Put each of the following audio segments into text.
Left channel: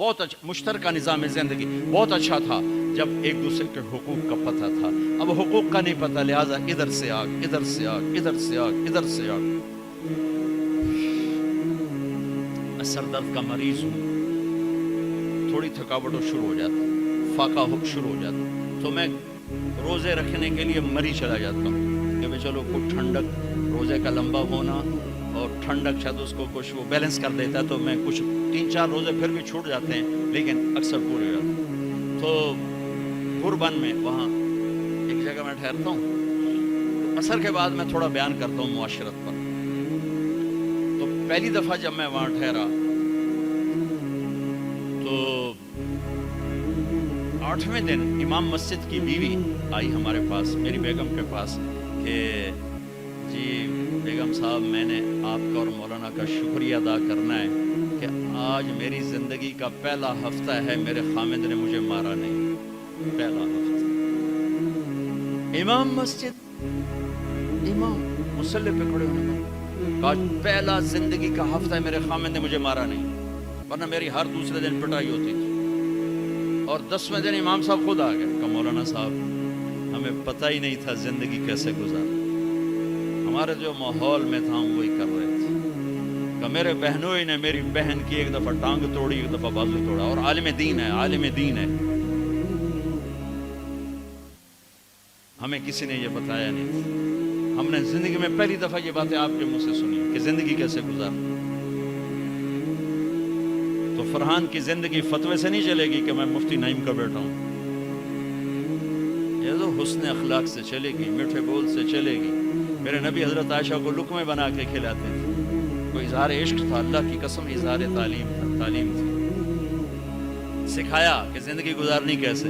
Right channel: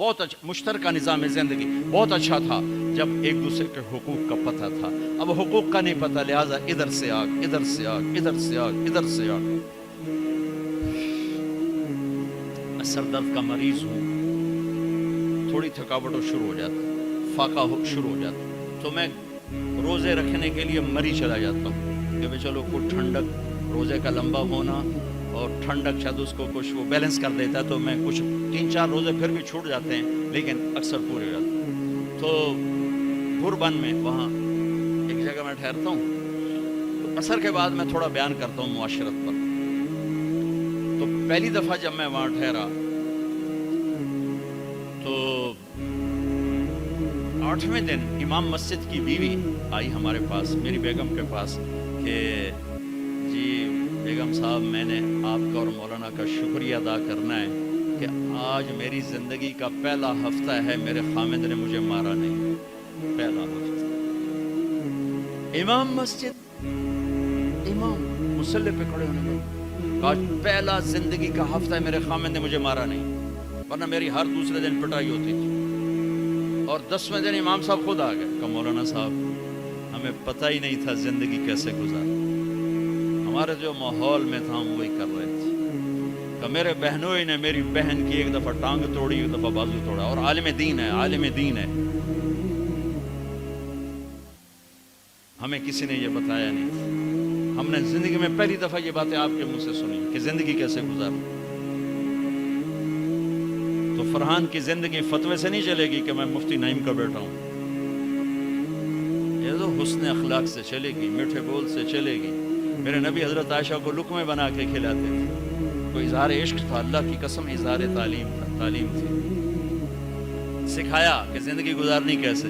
بہت اچھا مشترکہ نظام زندگی بہت اچھا تھا جب ایک دوسرے کے حقوق کا پتہ تھا. اب حقوق کا نہیں پتہ، لہٰذا ادھر سے آگ ادھر سے آگ ادھر سے آگ ادھر سے آگ. میں سر درد کا مریض ہوں، تھوڑی تھکاوٹ شروع ہو جاتا، فاقہ شروع ہو جاتا، تو میں روزے رکھنے کے لیے مری چلا جاتا ہوں کہ بھائی چلو کوئی ٹھنڈک، روزے کا لمبا ہونا اور ٹھنڈک شاید اس کو کچھ وہ بیلنس کر دیتا ہے، تو میں کچھ 3-4 روزے پھر بھی چھوٹ جاتے ہیں لیکن اکثر پورے ہو جاتے ہیں. تو بھربن میں وہاں ایک جگہ میں ٹھہرتا ہوں، تو عصر کے بعد میں تھوڑا بیان کرتا ہوں معاشرت پر. تو پہلی دفعہ جب میں وہاں ٹھہرا تو 8ویں دن امام مسجد کی بیوی آئی ہمارے پاس، میری بیگم کے پاس، کہ جی بیگم صاحب میں نے آپ کا اور مولانا کا شکریہ ادا کرنا ہے کہ آج میری زندگی کا پہلا ہفتہ ہے میرے خامد نے مجھے مارا نہیں. پہلا ہفتہ امام مسجد، امام مصلی پہ کھڑے ہونے پر آج پہلا زندگی کا ہفتہ ہے میرے خامد نے مجھے مارا نہیں، ورنہ میری ہر دوسرے دن پٹائی ہوتی تھی. اور 10ویں دن امام صاحب خود آ گئے کہ مولانا صاحب ہمیں پتہ ہی نہیں تھا زندگی کیسے گزار، ہمارے جو ماحول میں تھا ہم وہی کر رہے تھے. کہ میرے بہنوئی نے میری بہن کی ایک دفعہ ٹانگ توڑی، ایک دفعہ بازو توڑا، اور عالم دین ہے، عالم دین ہے. ہمیں کسی نے یہ بتایا نہیں تھا، ہم نے زندگی میں پہلی دفعہ یہ باتیں آپ کے منہ سے سنی کہ زندگی کیسے گزار. تو فرحان کی زندگی فتوے سے نہیں چلے گی کہ میں مفتی نعیم کا بیٹا ہوں، یہ تو حسن اخلاق سے چلے گی، میٹھے بول سے چلے گی. میرے نبی حضرت عائشہ کو لقمے بنا کے کھلاتے تھے، کوئی اظہار عشق تھا، اللہ کی قسم اظہار تعلیم تھا، تعلیم تھی. سکھایا کہ زندگی گزارنی کیسے.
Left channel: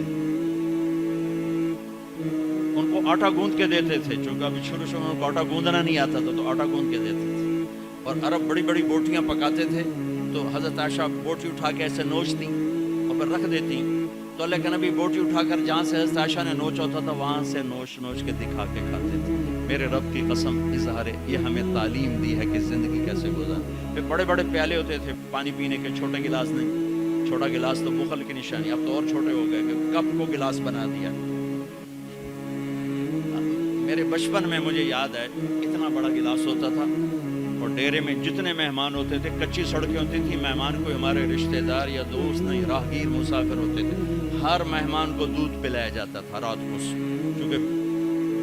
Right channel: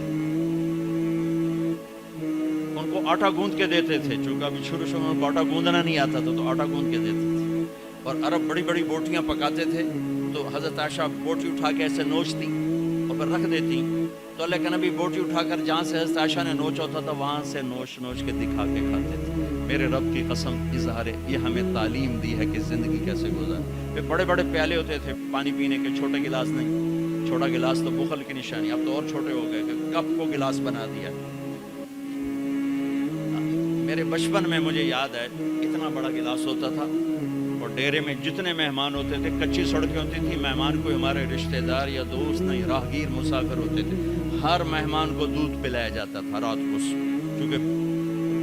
ان کو آٹا گوندھ کے دیتے تھے، چونکہ ابھی شروع میں ان کو آٹا گوندنا نہیں آتا تھا تو آٹا گوندھ کے دیتے تھے. اور عرب بڑی بڑی بوٹیاں پکاتے تھے تو حضرت عائشہ بوٹی اٹھا کے ایسے نوچتی اور پھر رکھ دیتی. تو اللہ کے نبی بوٹی اٹھا کر جہاں سے حضرت عائشہ نے نوچا ہوتا تھا وہاں سے نوچ نوچ کے دکھا کے کھاتے تھے. میرے رب کی قسم اظہار یہ ہمیں تعلیم دی ہے کہ زندگی کیسے گزار. پھر بڑے بڑے پیالے ہوتے تھے پانی پینے کے، چھوٹے گلاس نہیں، چھوٹا گلاس تو بخل کی نشانی، اب تو اور چھوٹے ہو گئے کہ کپ کو گلاس بنا دیا. میرے بچپن میں مجھے یاد ہے اتنا بڑا گلاس ہوتا تھا، اور ڈیرے میں جتنے مہمان ہوتے تھے، کچی سڑکیں ہوتی تھی، مہمان کوئی ہمارے رشتہ دار یا دوست نہیں، راہگیر مسافر ہوتے تھے، ہر مہمان کو دودھ پلایا جاتا تھا رات کو. کیونکہ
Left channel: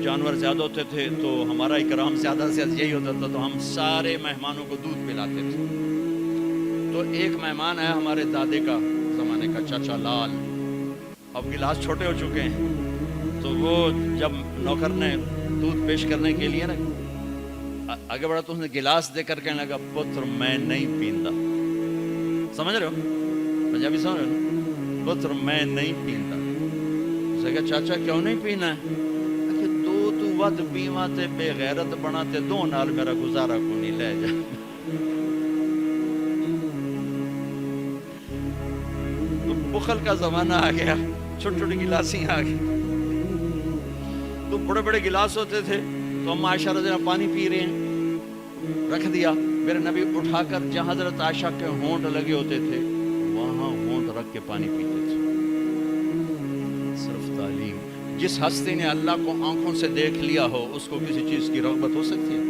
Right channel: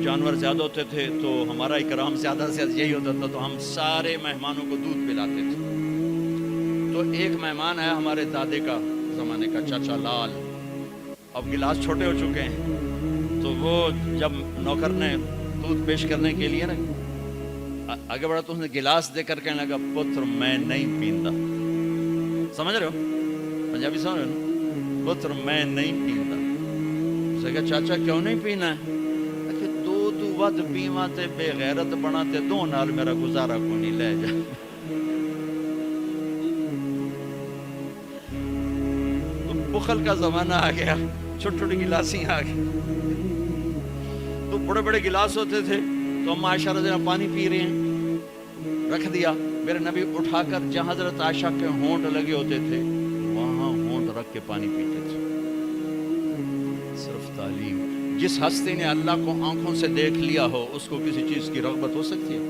جانور زیادہ ہوتے تھے تو ہمارا اکرام زیادہ سے زیادہ یہی ہوتا تھا، تو ہم سارے مہمانوں کو دودھ پلاتے تھے. تو ایک مہمان ہے ہمارے دادے کا زمانے کا، چاچا لال، اب گلاس چھوٹے ہو چکے ہیں، تو وہ جب نوکر نے دودھ پیش کرنے کے لیے نا آگے بڑھا تو اس نے گلاس دے کر کہنے لگا پتر میں نہیں پیندا. سمجھ رہے ہو پنجابی سمجھ رہے ہو نا، پتر میں نہیں پیندا. اس نے کہا چاچا کیوں نہیں پینا ہے؟ کہ دو تو ود پیواں تے بے غیرت بنا تے دو نال میرا گزارا کو نہیں لے جا. تو بخل کا زمانہ آ گیا، چھوٹی چھوٹی گلاسیں آ گئی. تو بڑے بڑے گلاس ہوتے تھے تو ہم عائشہ رضی اللہ پانی پی رہے ہیں، رکھ دیا. میرے نبی اٹھا کر جہاں حضرت عائشہ کے ہونٹ لگے ہوتے تھے وہاں ہونٹ رکھ کے پانی پیتے تھے. صرف تعلیم. جس ہستی نے اللہ کو آنکھوں سے دیکھ لیا ہو اس کو کسی چیز کی رغبت ہو سکتی ہے؟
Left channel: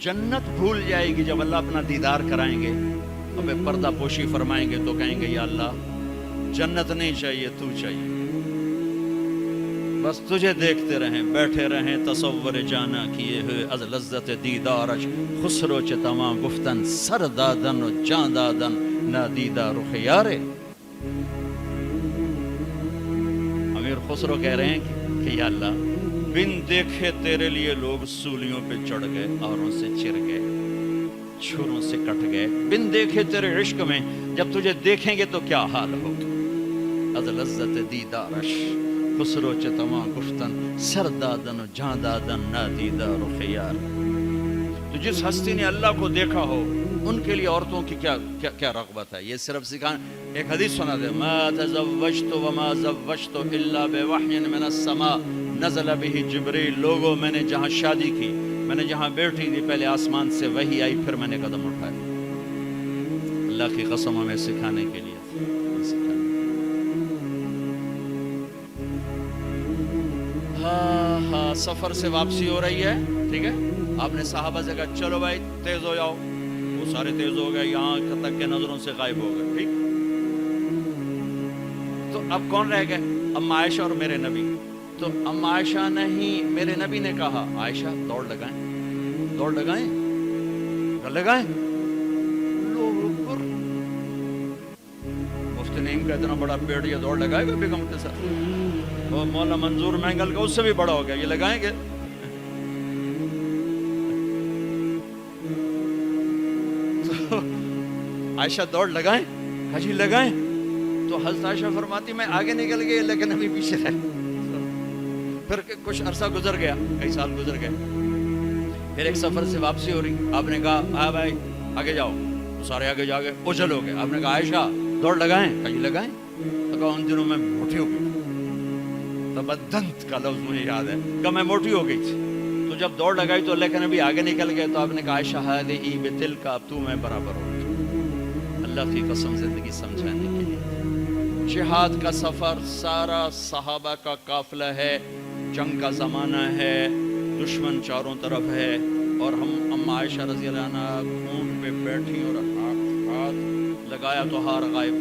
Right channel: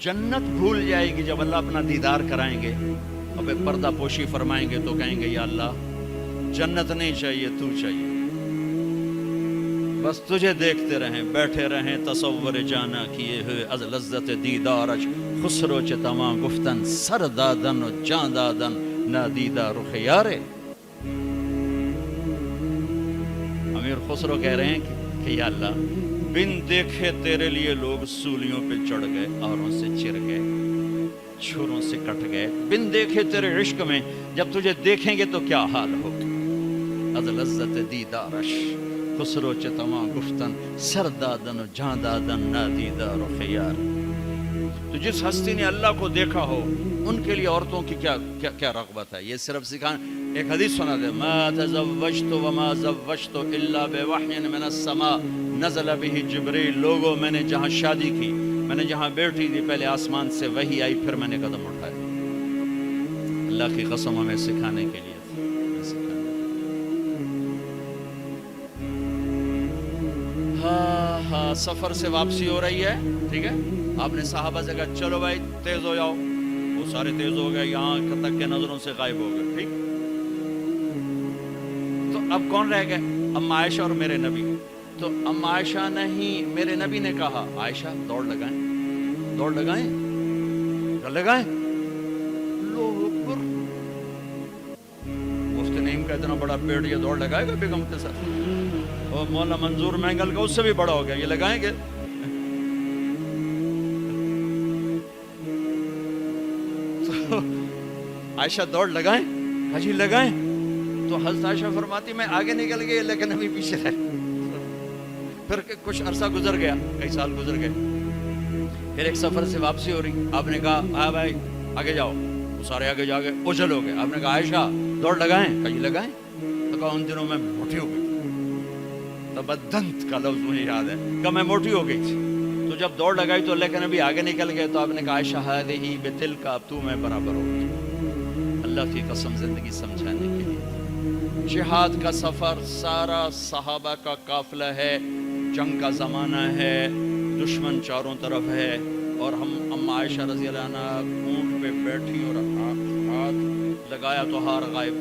جنت بھول جائے گی جب اللہ اپنا دیدار کرائیں گے، اب پردہ پوشی فرمائیں گے تو کہیں گے یا اللہ جنت نہیں چاہیے، تو چاہیے، بس تجھے دیکھتے رہیں، بیٹھے رہیں تصور جانا کیے ہوئے از لذت دیدارش، خسرو چ تمام گفتن سر دادن و جان دادن نادیدہ رخ یارے. امیر خسرو کہہ رہے ہیں کہ یا اللہ بن دیکھے تیرے لیے لوگ سولیوں پہ چڑھ گئے، آروں سے چر گئے، چھروں سے کٹ گئے. بن دیکھے تیرے عشق میں جب تجھے دیکھیں گے تو کیا حال ہوگا. از لذت دیدارش خسرو چ تمام گفتن سر دادن و جان دادن نادیدہ رخ یار. تو جس ہستی نے اللہ کو دیکھا ہو ان کے لیے عورتوں کی کیا رغبت ہے. یہ صرف سکھانا. ایک حدیث سنا دے، ما تزوجت وما زوجت الا بوحی من السماء نزل به جبریل. لوگوں میں نے جہاں شادی کی، میں نے جہاں بیٹھی تھی، پہلے آسمان سے وحی آئی، پھر میں نے قدم اٹھائے. اللہ کی قسم ہمیں سکھانے کے لیے تھی، سکھانے کے لیے۔ ہاں سفر سے واپسی ہو رہی ہے، ٹھیک ہے، آپ نے صحابہ سے کہا چلو بھائی تیز ہو جاؤ، وہ سارے تیز ہو گئے، یہاں تک کے نظروں سے غائب ہو گئے، ٹھیک۔ تو اب کون رہ گئے؟ اما عائشہ اور میرے نبی۔ تو اما عائشہ نے ہی میرے نبی نے کہا عائشہ دوڑ لگائیں، دوڑ لگائیں، لگائیں۔ اللہ اکبر، مفتی نعیم کا اتنا بڑا پیڑ یہ دوڑ لگائے گا بیگم کے ساتھ؟ اور مولانا منظور مینگل کا اس سے بھی بڑا ہو گیا، یہ لگائیں گے؟ تو عائشہ دوڑ لگائیں، کہا جی لگائیں۔ تو حضرت عائشہ فرماتی میں آگے نکل گئی لیکن ابھی پیچھے رہ۔ پھر کچھ عرصہ گزر گیا، کئی سال گزر گئے، پھر ایک سفر سے واپسی ہو رہی، آپ نے کہا ہاں بھائی آگے جاؤ، وہ سارے آگے جا گئے، اچھل ہو گئے۔ آپ نے کہا عائشہ دوڑ لگائیں، کہا جی لگائیں۔ تو کہا ان دنوں میں موٹی ہو گئی، تبدنت کا لفظ مجھے یاد ہے، کہ میں موٹی ہو گئی تھی۔ تو جب دوڑ لگائی تو اللہ کے نبی آگے نکل گئے، تو آپ نے کہا عائشہ ہذہ بتلک، اب تو میں برابر ہو گئی۔ اللہ کی قسم زندگی سمجھانے کے لیے۔ جہاد کا سفر سارا صحابہ کا قافلہ ہے، جنگ کا زمانہ ہے، دشمن چاروں طرف ہے، اور ہم اما عائشہ رضی اللہ عنہ اونٹ پہ بیٹھی اور ہاتھ لگایا تو ہار غائب۔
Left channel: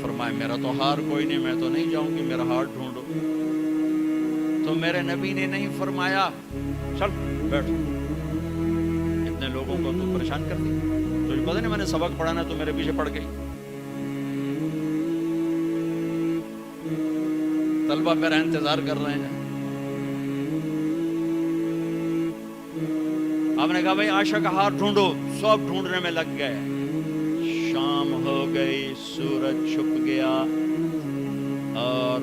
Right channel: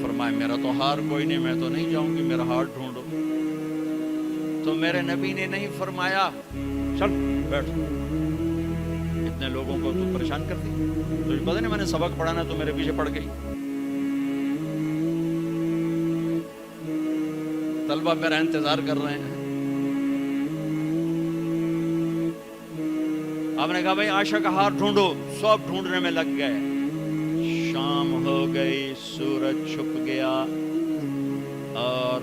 فرمایا میرا تو ہار کوئی نہیں، میں تو نہیں جاؤں گی، میرا ہار ڈھونڈو۔ تو میرے نبی نے نہیں فرمایا چل بیٹھ، اتنے لوگوں کو تو پریشان کر دی، تجھے پتہ نہیں میں نے سبق پڑھانا تو میرے پیچھے پڑ گئی۔ طلبہ میرا انتظار کر رہے ہیں۔ آپ نے کہا بھائی عائشہ کا ہار ڈھونڈو، سب ڈھونڈنے میں لگ گئے۔ شام ہو گئی، سورج چھپ گیا اور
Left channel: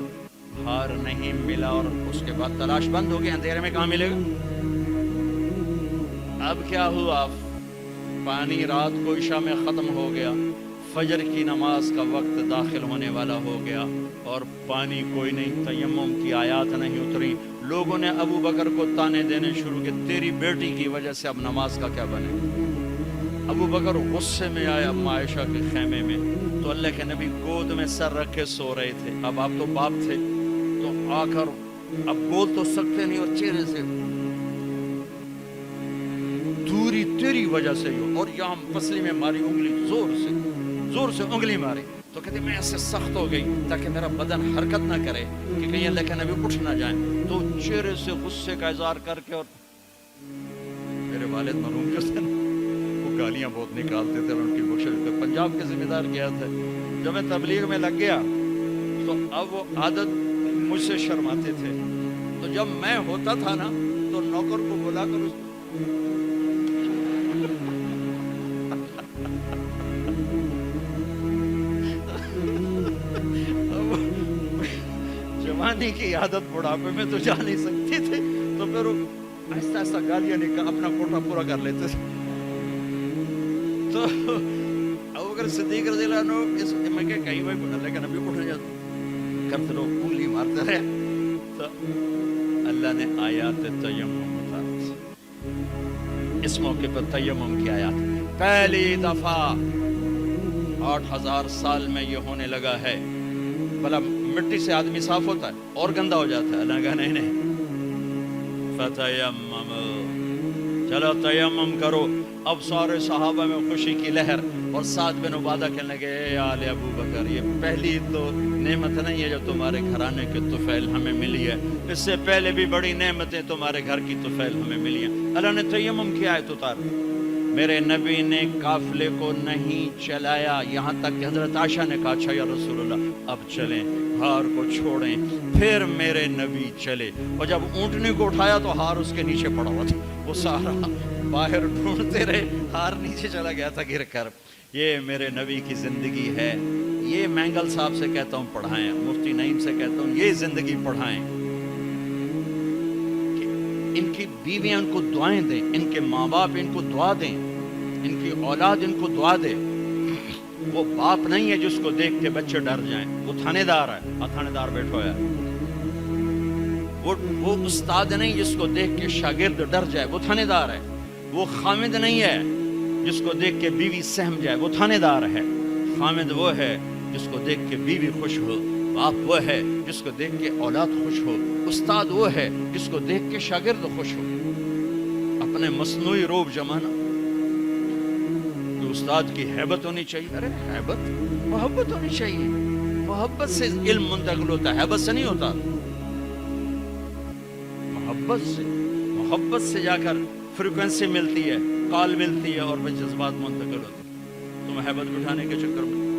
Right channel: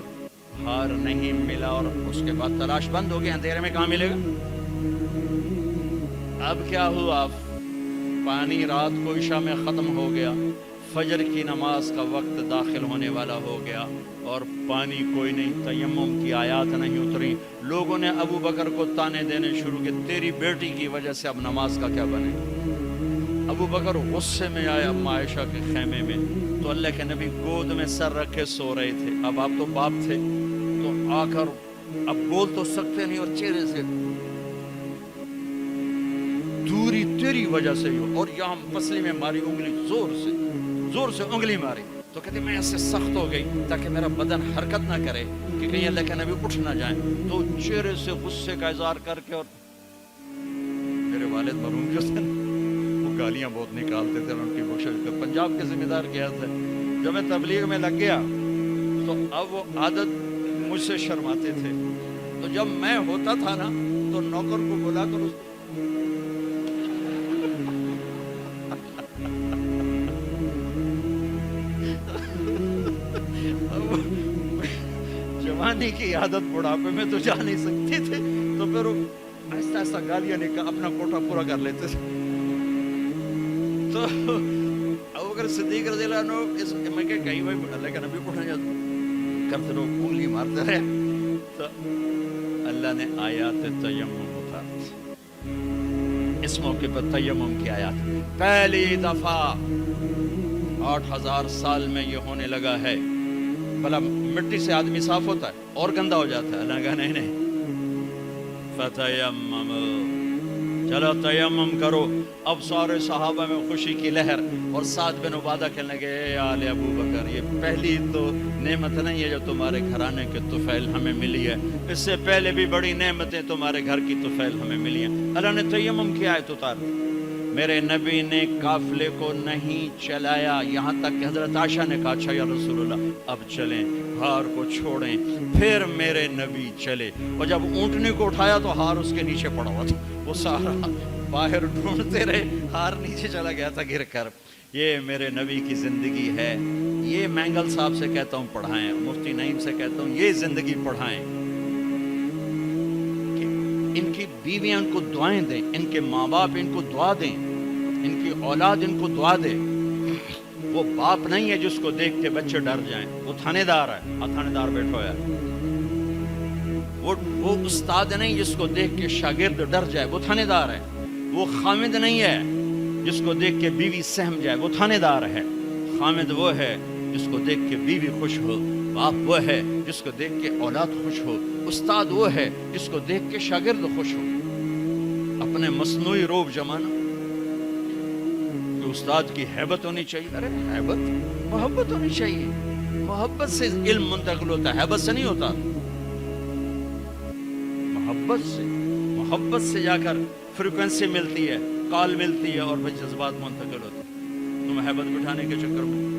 ہار نہیں ملا، اور اس کے بعد تلاش بند ہو گئی، اندھیرے میں کہاں ملے گا؟ اب کیا ہوا؟ پانی رات کو عشاء میں ختم ہو گیا، فجر کی نماز کا وقت داخل ہونے والا ہو گیا، اور پانی کوئی نہیں، تیمم کی آیات نہیں اتری۔ لوگوں نے ابو بکر کو تانے دینے شروع کیے، تیری بیٹی کی وجہ سے اب نماز کا کیا بنے؟ ابو بکر غصے میں آئے اما عائشہ کے خیمے میں، تو اللہ کے نبی گود میں سر رکھے سو رہے تھے۔ اب آپ تو باپ تھے، تو آ کر اب بول تو سکتے نہیں، اور چہرے سے دوری تیری وجہ سے ہو، اور یہاں پسلی میں ماری انگلی، زور سے انگلی ماری۔ تو کہتے میں ایسے سخت ہو گئی تاکہ میرا بدن حرکت نہ کرے کہ کہیں اللہ کے نبی اٹھ نہ جائیں۔ تو چہرے سے غصے کا اظہار کر کے، اور میرے والد مرحوم جو تھے وہ گالیاں بہت نکالتے تھے، ان کی بخشش کا پنجاب کے ذمہ دار کیا تھے۔ جب میں تبلیغ میں لگ گیا تو اب وہ عادت مجھ سے شرماتے تھے، تو جب میں ہوتا تھا نا تو نوکر کو بلا کر اس جوانی کی عادت بڑھاپے میں تو جا نہیں سکتی تھی، تو پھر وہ آہستہ آہستہ گالیاں نکال اپنا کوٹا پورا کر لیتے تھے۔ تو ابوبکر صدیق رضی اللہ عنہ میں کہ کہیں بھائی اللہ کا نبی اٹھ جاتا کرتے رہو، انگلی مارتے رہے۔ تو اللہ نے آیات تیمم اتاری، اس موقع پر تیمم کی آیات پہلی دفعہ 8000 سال میں یہ ہونے لگا ہے۔ بھلا مٹی سے آدمی صاف ہوتا ہے اور گندا ہو جاتا ہے؟ اللہ نے کہا نہیں، فتیمم، چلو تیمم کرو۔ اب سارے صحابہ میں خوشی کی لہر، اور سعد بن عبادہ کہنے لگے اے آل ابو بکر، یہ پہلی تو نعمت نہیں ہے جو تمہارے گھرانے کے طفیل ہمیں ملی ہے، اس سے پہلے بھی بڑی نعمتیں تمہارے گھر کی طفیل ہمیں ملی ہیں۔ اللہ نے تیمم کی آیت اتار دی۔ میرے نبی نے قافلے کو نہیں چلایا، یہاں تک کہ حضرت عائشہ نے کہا اچھا یا رسول اللہ اب چلیں، ہار کو چھوڑیں۔ پھر میرے نبی چلے، اور جب اونٹنی کو اٹھایا تو ہار اس کے نیچے پڑا ہوا تھا، وہ سارا باہر ڈھونڈتے رہے، ہار نیچے چلا گیا تھا گر کر۔ یہ میرے نبی کی زندگی ہے، یہ مینگل صاحب سے کہتا ہوں پڑھائیں، مفتی نعیم سے کہتا ہوں یہ زندگی پڑھائیں، کہ ان کی بیویاں ان کو دعائیں دیں، ان کے ماں باپ ان کو دعا دیں، ان کی اولاد ان کو دعا دے۔ وہ باپ نہیں ہے جس کو دیکھ کے بچے ڈر جائیں، وہ تھانے دار ہے، تھانے دار بیٹھو ہے۔ وہ استاد نہیں جس کو دیکھ کے شاگرد ڈر جائے، وہ تھانے دار ہے۔ وہ خامد نہیں ہے جس کو دیکھ کے بیوی سہم جائے وہ تھانے دار ہے، خامد وہ ہے جس کو دیکھ کے بیوی خوش ہو، باپ وہ ہے جس کو دیکھ کے اولاد خوش ہو، استاد وہ ہے جس کو دیکھ کے شاگرد خوش ہو۔ اپنے مصنوعی روب جمانا کہ استاد کی ہیبت ہونی چاہیے، ارے ہیبت محبت ہونی چاہیے، محبت سے علم منتقل ہوتا ہے، ہیبت سے نہیں ہوتا، محبت سے جا کر فریکوینسی ملتی ہے، کال ملتی ہے اور پھر جذبات منتقل ہوتے ہیں۔ تم ہیبت بٹھانے کے چکر میں